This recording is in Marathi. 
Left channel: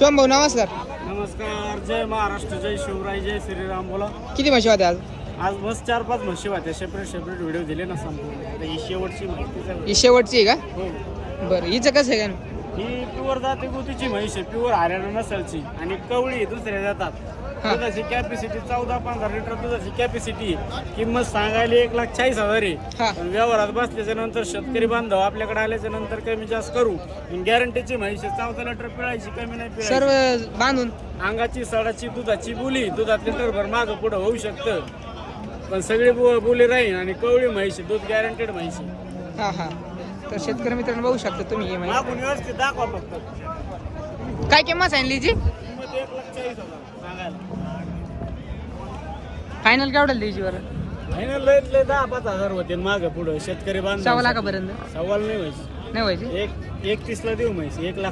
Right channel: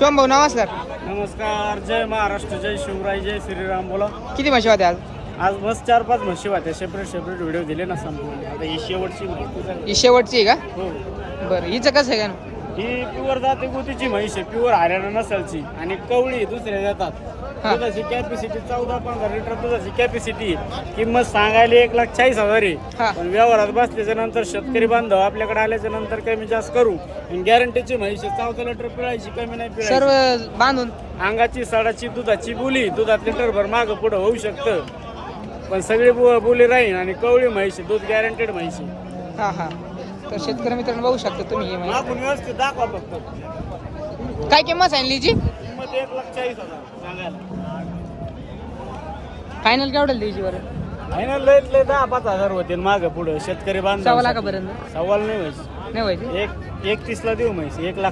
भाऊ नमस्कार. नमस्कार. जय महाराष्ट्र, जय शिवराय, जय श्रीराम. बोला. किती म्हशी होत्या आज? आज मस्त 4-5 म्हशी होत्या. सेपरेट व्हिडिओ दिले ना संपूर्ण. आता ही शेवटची माहिती. ही शेवटची आहे का? हो. बरं, हिचं कसं आहे का? ही प्युअर जाते गुतीची म्हैस आहे. प्युअर हरियाणा नसलची आणि कवळी दुसऱ्या जातात. दुधाची कॅपॅसिटी 14-15 लिटर दुधाची कॅपॅसिटी. किंमत सांगायला 1,40,000 आहे. हा. पण व्यवहारात बसल्याच्या नंतर शेतकरी बांधव आपल्याकडे आल्याच्या नंतर कमी जास्त करू. गॅरंटीची म्हैस आहे. 14 लिटर पिळायची, कमी नाही पिळायची. सर्व बांधून अंगाची साडाची दुधाची बोली. दुधात लिटरभर मागं पुढं होऊ शकतं, पण सगळी बोली राहील. आणि कवळी म्हैस आहे, दूध गॅरंटेड म्हैस आहे. हा हा. तर शेतकरी मित्रांनो बघू शकता तुम्ही ही म्हैस. आपण व्यवस्थित दाखवा फक्त. काय किंमत सांगितली हिची? किंमत 1,40,000 सांगायला. फायनल केवढं द्यायची बरं? फायनल लय 10-5 होते मागं पुढं शेतकरी बांधव. 1,00,000 पर्यंत सवाल नाही म्हैस. नाही व्हायची. 31 ला देऊ म्हैस. 1,00,000